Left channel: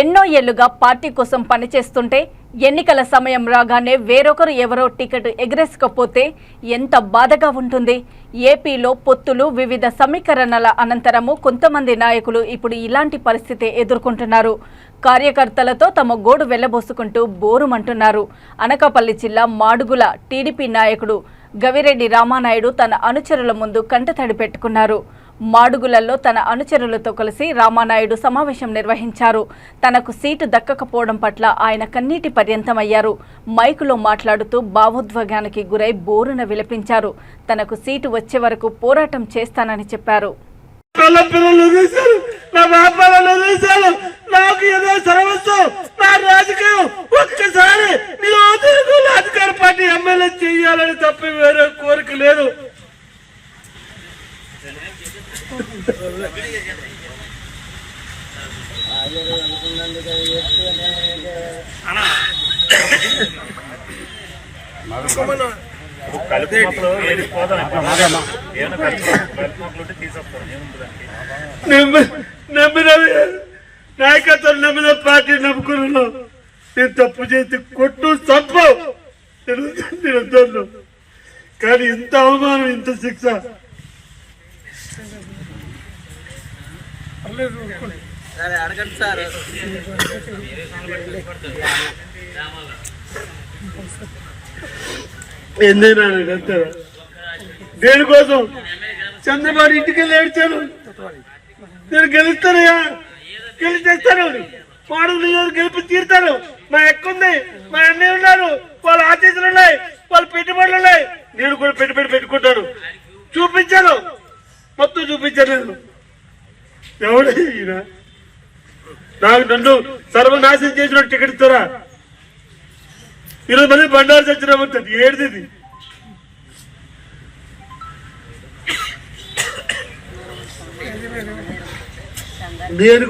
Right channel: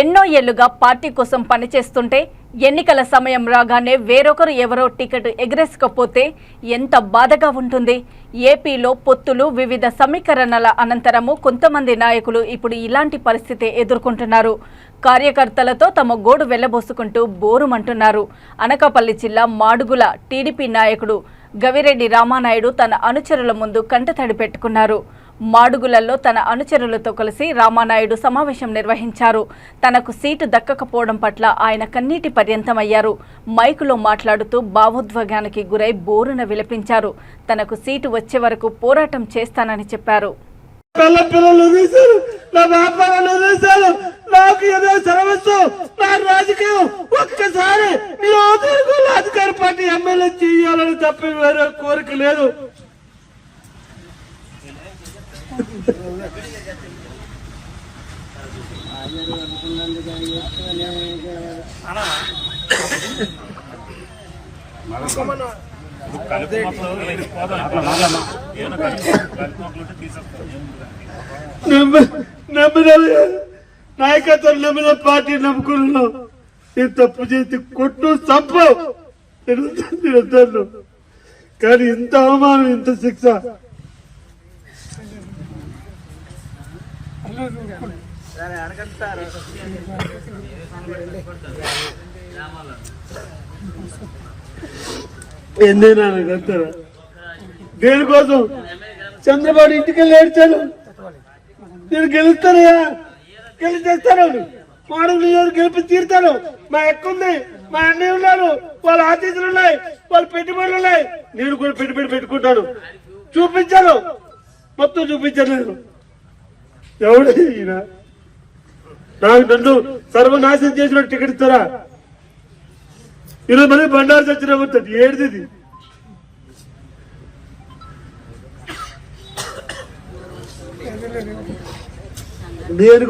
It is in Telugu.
ఎన్నో ఏళ్లుగా పార్టీ కోసం పనిచేస్తుంటే ఎన్నికల సమయం రాగానే వేరొకరు ఎవరో టికెట్ ఎగరేసుకపోతే ఎంత బాధగా ఉంటుంది. ఏపీలో పొత్తులు వివిధ సమీకరణల అనంతరము కొంతమంది నాయకులు ఇప్పుడు ఇలాంటి పరిస్థితి ఎదుర్కొంటున్నారు. కార్యకర్తలతో తమ గోడు వెళ్లబోసుకుంటూ బోరుమంటున్నారు. అనకాపల్లి జిల్లా మాడుగుల టీడీపీ నాయకుడు గవిరెడ్డి రామానాయుడు తన అనుచరుల ముందు కంటతడి పెట్టుకున్నారు. మాడుగులలో తన అనుచరులతో కలిసి రామానాయుడు సమావేశం నిర్వహించారు. తనకు సీటు దక్కకపోవడం పట్ల ఆయన కన్నీటి పర్యంతమయ్యారు. మైకులో మాట్లాడుతూ భావోద్వేగానికి గురై బోరున విలపించారు. తనకు సీటు వచ్చే వరకు పోరాటం చేస్తానని చెప్పారు. నాయకత్వం నమ్మిన పార్టీ నమ్ముకున్నాను. నేను తప్పు చేసి కొట్టు తప్పు కానీ ఇంత అవమానం, ఇంత శిక్ష ఎందుకైనా దేనికోసం చంద్రబాబు ఇంటికి వెళ్ళి ఏడ్చాను. మీరు గెలుస్తారయ్యా, గెలిచేస్తారు, మాడుగులు గెలిపి తీరుతారు. మా ఎక్కుంది, మా అన్నయ్య ఉన్నారు, వాళ్ళ ఆశీస్సులు ఉన్నాయి, వాళ్ళ పెట్టుబడులు ఉన్నాయి. నేను కూడా పెట్టుబడి పెట్టుకుంటాను. చూపించాను, మొత్తం చూపించాను. నేను ఎవడు ఈయన నాకు నన్ను సర్వనాశనం చేసిన టికెట్ ఇస్తారా? ఈరోజు మళ్ళీ బండారు చచ్చిన ఉంటుంది. ఏడిది నేను